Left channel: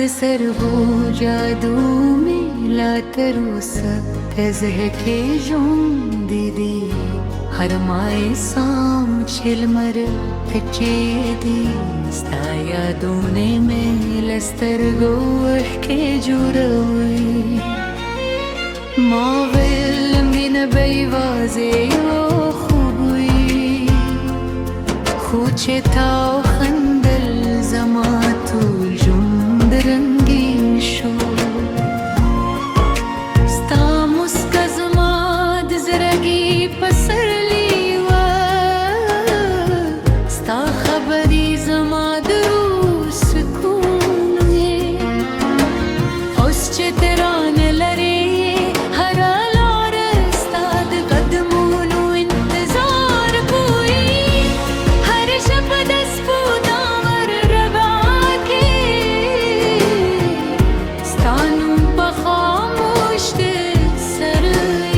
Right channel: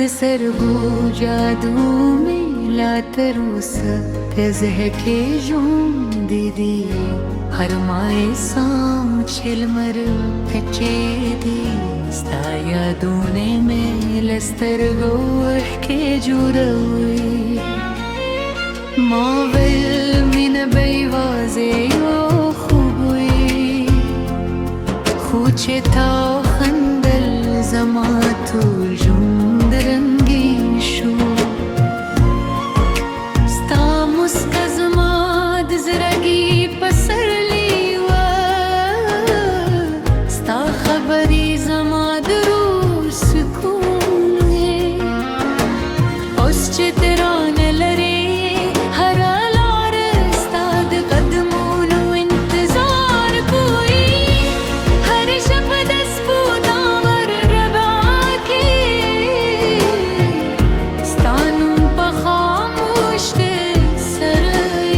د سرګو جادو مې لا تر اوسه تزه کې ژوندې دي هر مای سام چې لمر پټې دي ستا یادونه مې له سترګو اوښکې جوړوي ما ویل مینه به یوازې یو خوب وي خو چې تا وخندل زما ټول ژوند رنګین شو ستا مسکا زما د زړګي پسرلی وه ستا خبرې زما د روح سکون وې اوس چې ته رانه لرې هره لاره ستا د قدمونو انتظار کوي هر شپه د سپوتامر ربا کې ستا نوم په خاموش د سر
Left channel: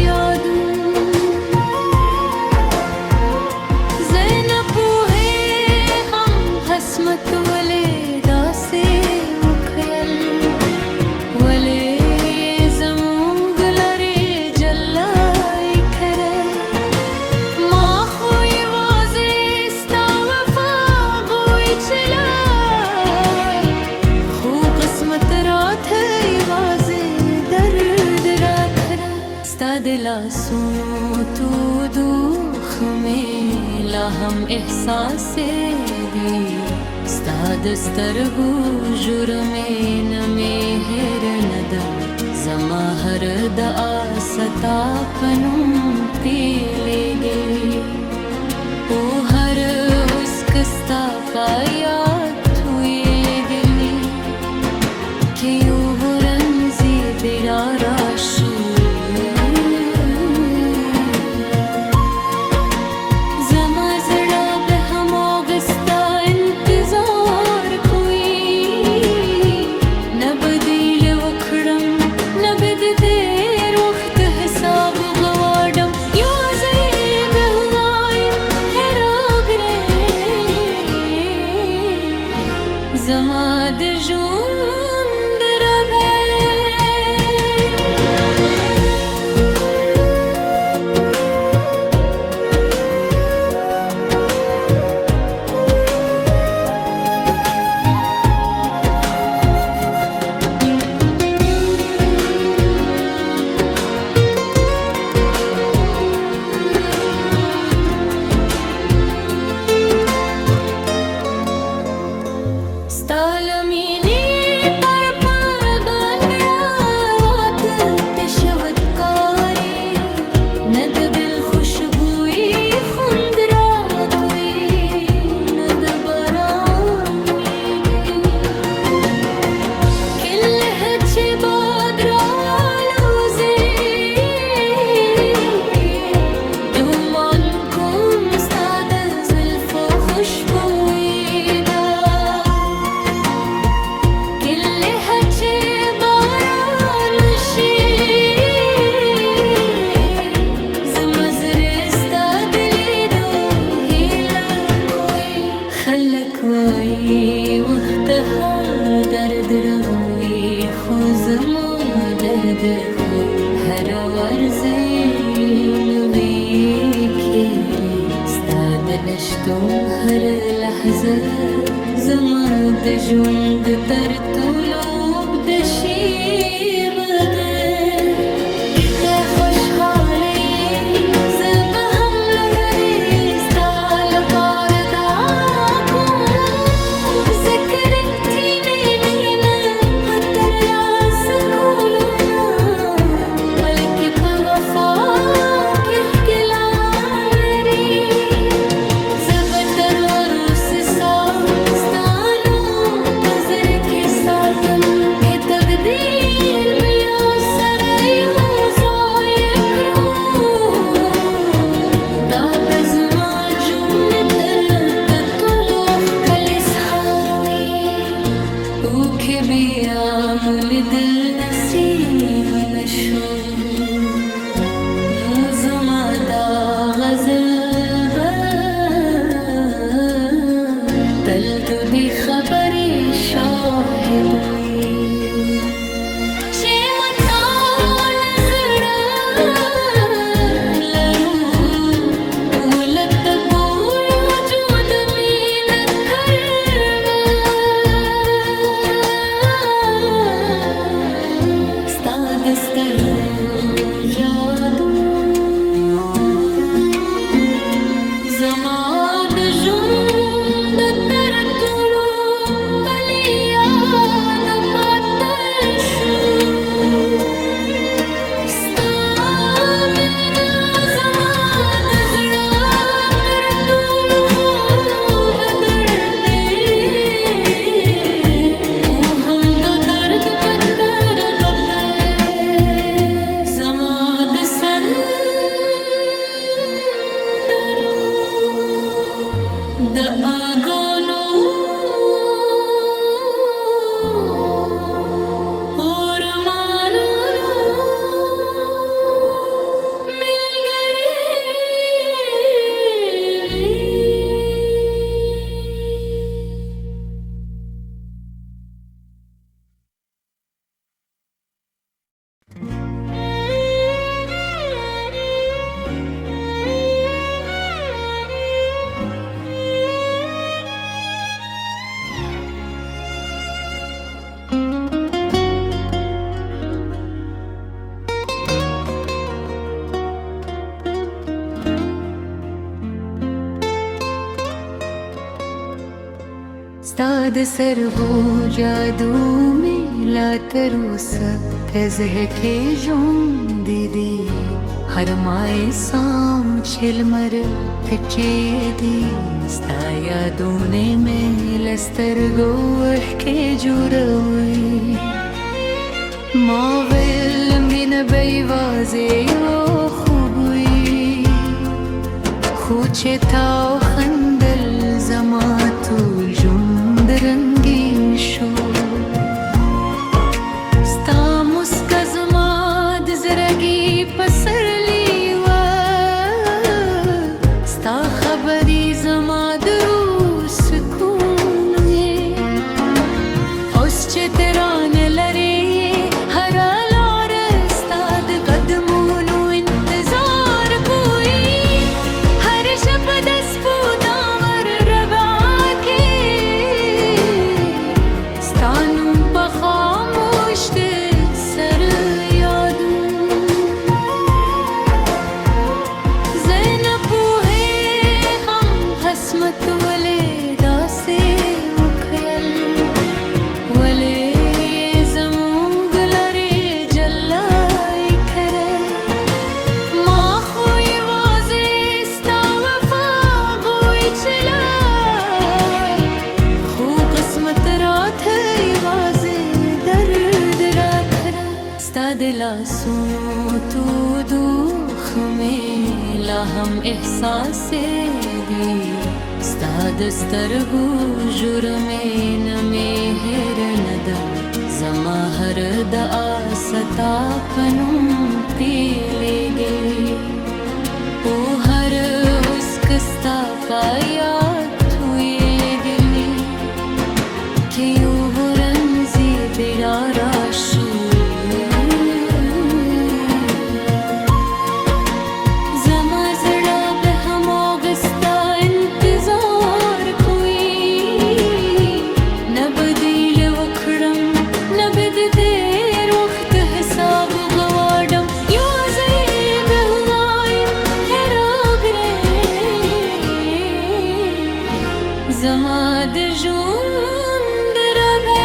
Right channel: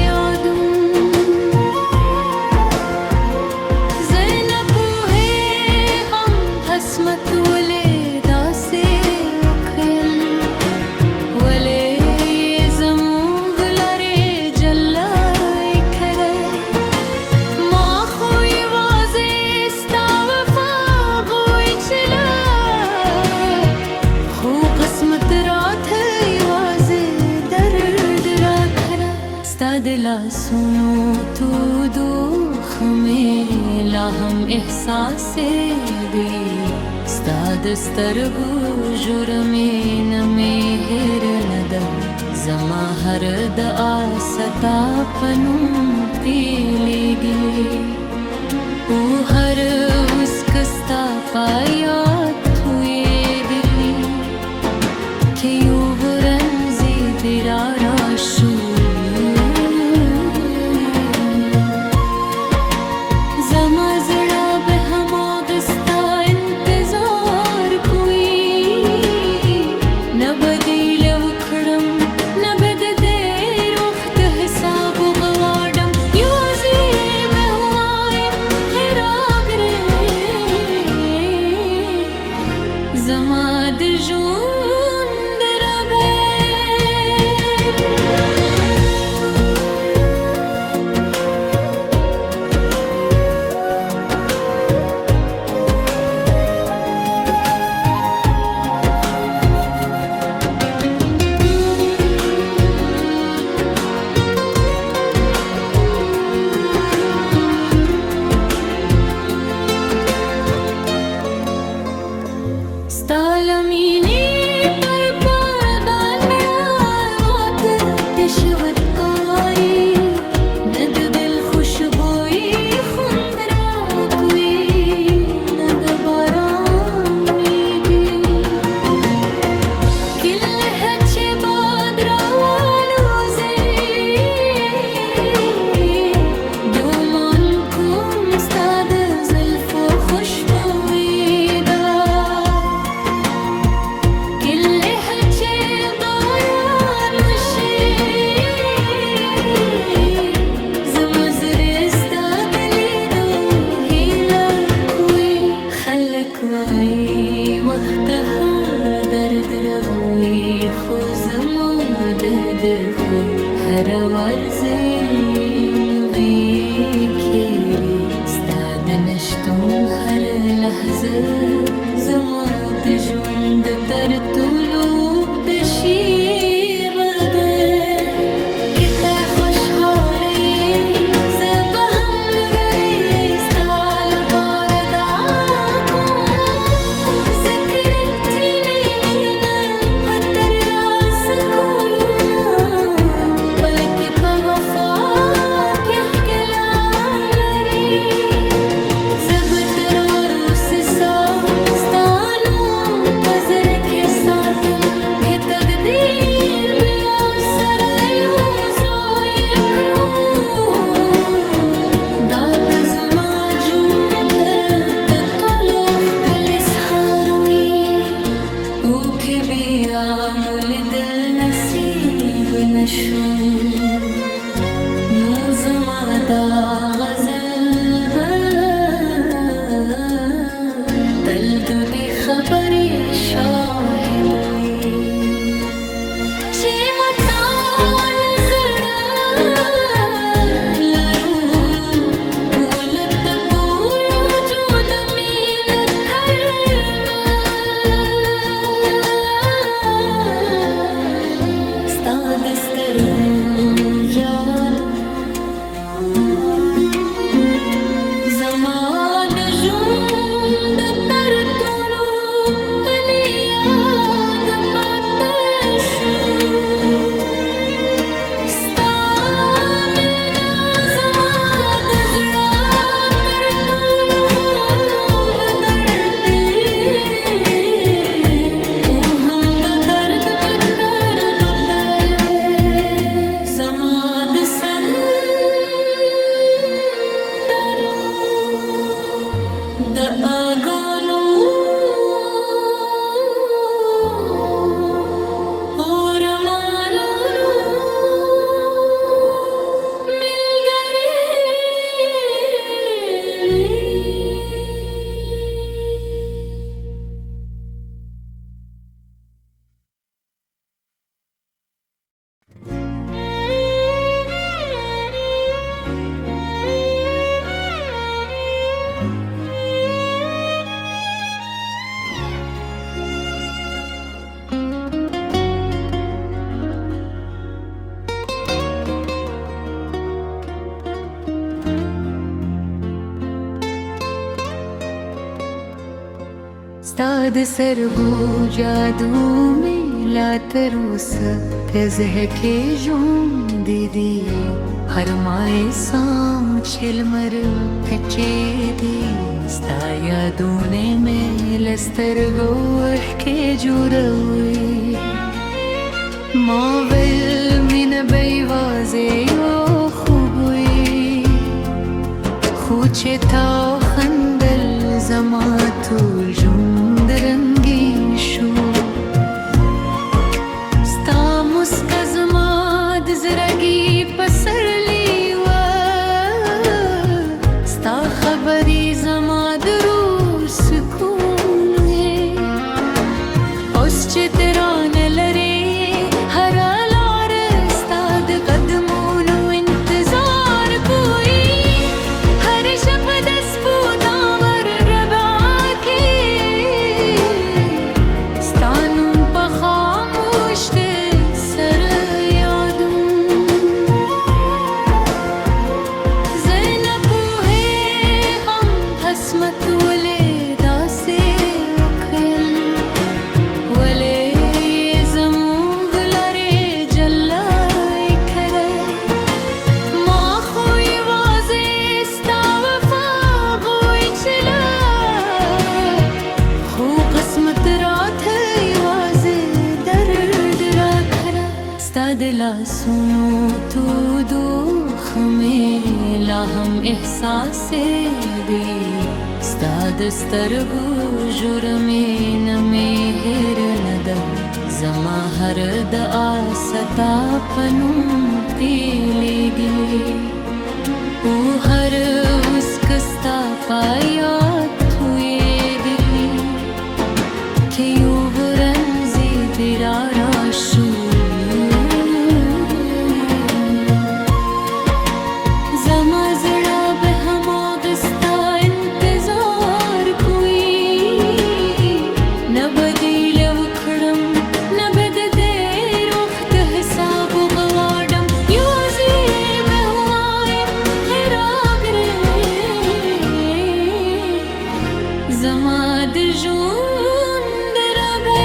یادون زه نه پوهېږم حسمت ولې داسې وکړل ولې زموږ لرې جلای کړی ما خو یوازې ستا وفا غوښتله خو قسمت راته یوازې درد راکړه ستا د لاسونو تودو خمې لا هم احساس دي ستا د سترګو ژورمې نه مې هېر نه ده زما هر دعا ستا په نوم پیلېږي او هر اوسکه ستا په یاد تویېدلي که یو ورځې بیا راشو زما زړه به هماغه ستا انتظار کوي نه به دیله وکړم نه به د ډېر وخت حساب وغواړم یوازې به ووایم هې راګرې زما د ژوند ربې ستا له مینې پر باندې وتل تشوت کاری نه د دل خوشبویي خوند راکوي نه د باران نیبي کله چې باد راوالوزي دومن کوم ستا د زلفو خوشبویي کوئی وقت هر درد رغوي خو زما درد خو هر ورځې نوې کېږي ستا د نشتون هر لحظه زما د ژوند تر ټولو اوږده شېبه ده که ته خوشحاله یې زه به هم لوړې ستا لپاره بلکې په وفا کې ښکلا لري زه به تر وروسته ستا نوم په زړه کې ساتم که تقدیر بیا سره یو ځای کړو دا به زما ژوند تر ټولو ښکلی سهار وي او که بیا مو لیدل نصیب نشو نو زما دا غزل به تل د دې خبرې شاهد دوی چې مټال زړه لرو ولت بوی وجود مینه کړوا ستا د سترګو جادو زما د ژوند تر ټولو تللی یاد پاتې شو ستا مینه زما د زړه تر ټولو خوږ درد دی او هم د درد په تربب دی زما د د اګونو اور مالونو ملګری ستا د سرګو جادو مې لا تر اوسه په زړه کې ژوندی دی هر مای سام چې لمر پټې دي ستا یادونه مې له سترګو اوښکې جوړوي ما ویل مینه به یوازې یو خوب وي خو چې تا وخندل زما ټول ژوند رنګین شو ستا مسکا زما د زړګي پسرلی وه ستا خبرې زما د روح سکون وې اوس چې ته رانه لرې هره لاره ستا د قدمونو انتظار کوي هر شپه د سپوتامر ربا کې ستا نوم په خاموش دی سر یادون زه نه پوهېږم حسمت ولې داسې وکړل ولې زموږ لارې جلا کړل ما خو یوازې ستا وفا غوښتله خو قسمت راته یوازې درد راکړه ستا د لاسونو تودو خمې لا هم احساسې دي ستا د سترګو ژورمې نه مې هېر نه ده زما هر دعا ستا په نوم تیلیږي او هر اوسک ستا په یاد تویېږي چې یو ورځ بیا راشي زما زړه به هماغه ستا انتظار کوي نه به دې له وکړم نه به د ډېر وخت حساب وغواړم یوازې به ووایم هې راګرې زما د ژوند ربې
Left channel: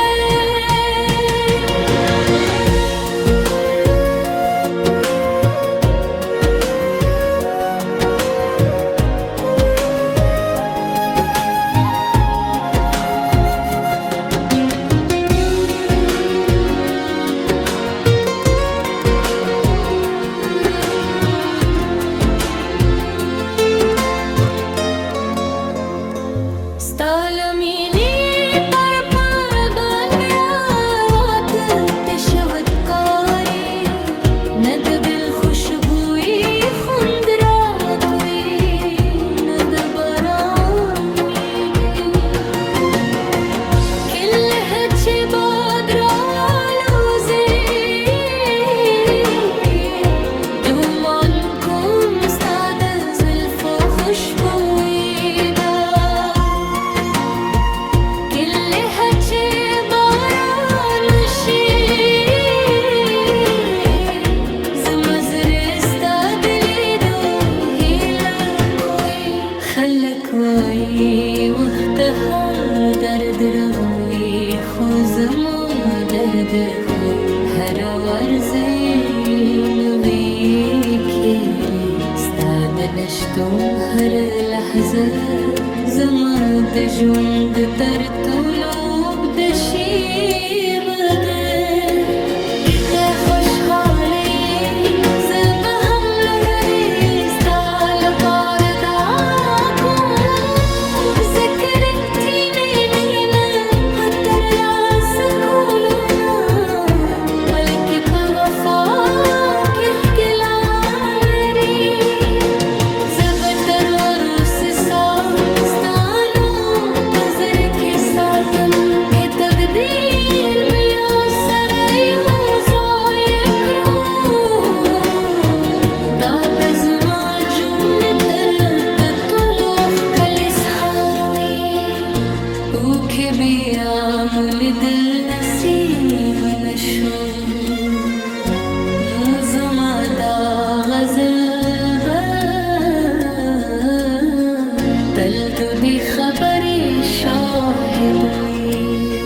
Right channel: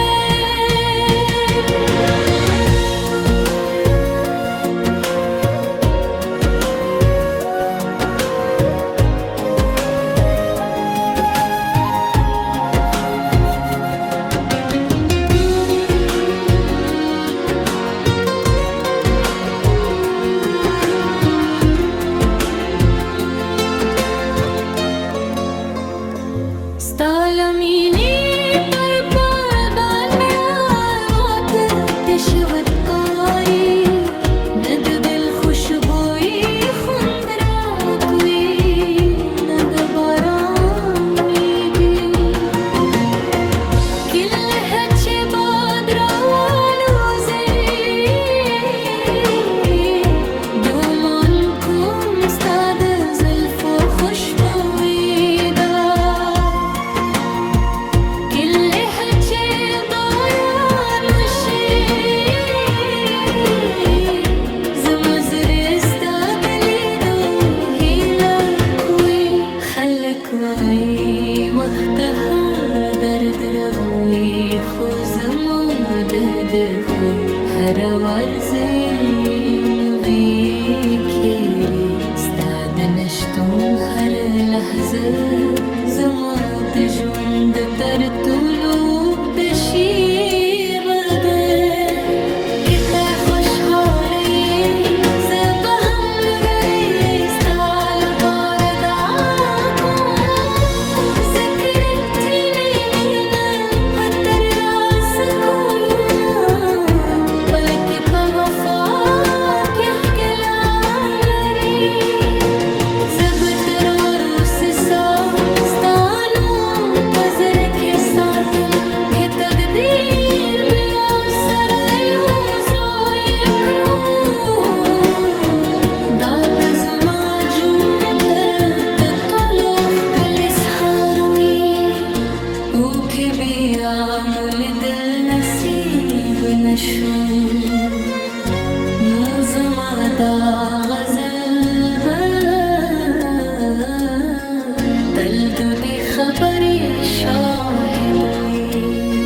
ند دل خوشبوئی خوند را کوئی ند باران میگی کل ہے چه با وای وختها درد رغوي خو زما درد خو هر ورځي نوي کېږي ستا د نشتون هر لحظه زما د ژوند تر ټولو اوږده شېبه ده که ته خوشحاله یې زه به هم لوړې ستا لپاره دعا کوم ځکه رښتینې مینه په ترلاسه کولو نه بلکې په وفا کې ښکلا لري زه به تر وروسته ستا نوم په زړه کې ساتم که تقدیر بیا سره یوځای کړو دا به زما ژوند تر ټولو ښکلی سهار وي اوښکې بیا مو لیدل نصیب نشو نو زما دا غزل به تل د دې خبرې شاهد وي